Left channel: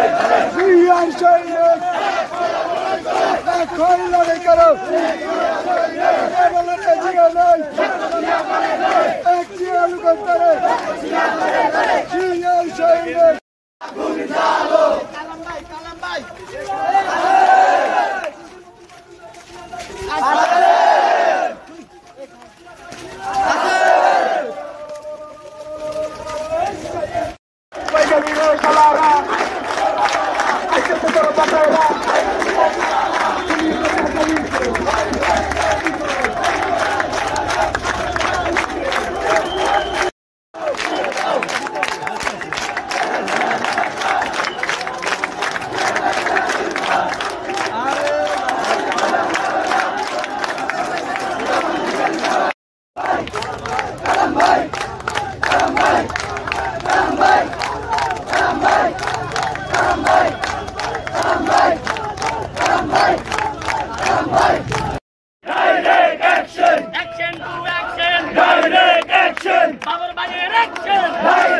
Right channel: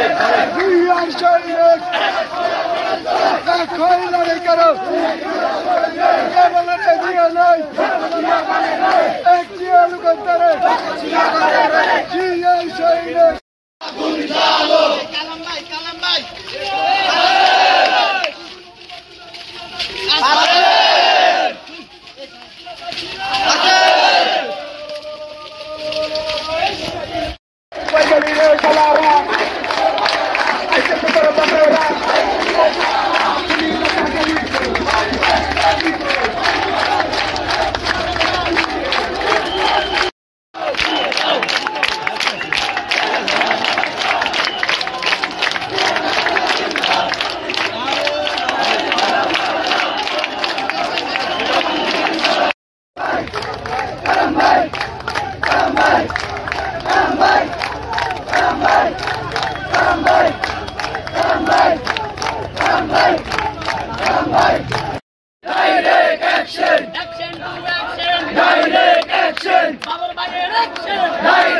We are showing it. That coin that they got up. Government is here now. Actually, look at that. We are showing it. Kalambay. Action to action. Direct action. Power by direction. Direct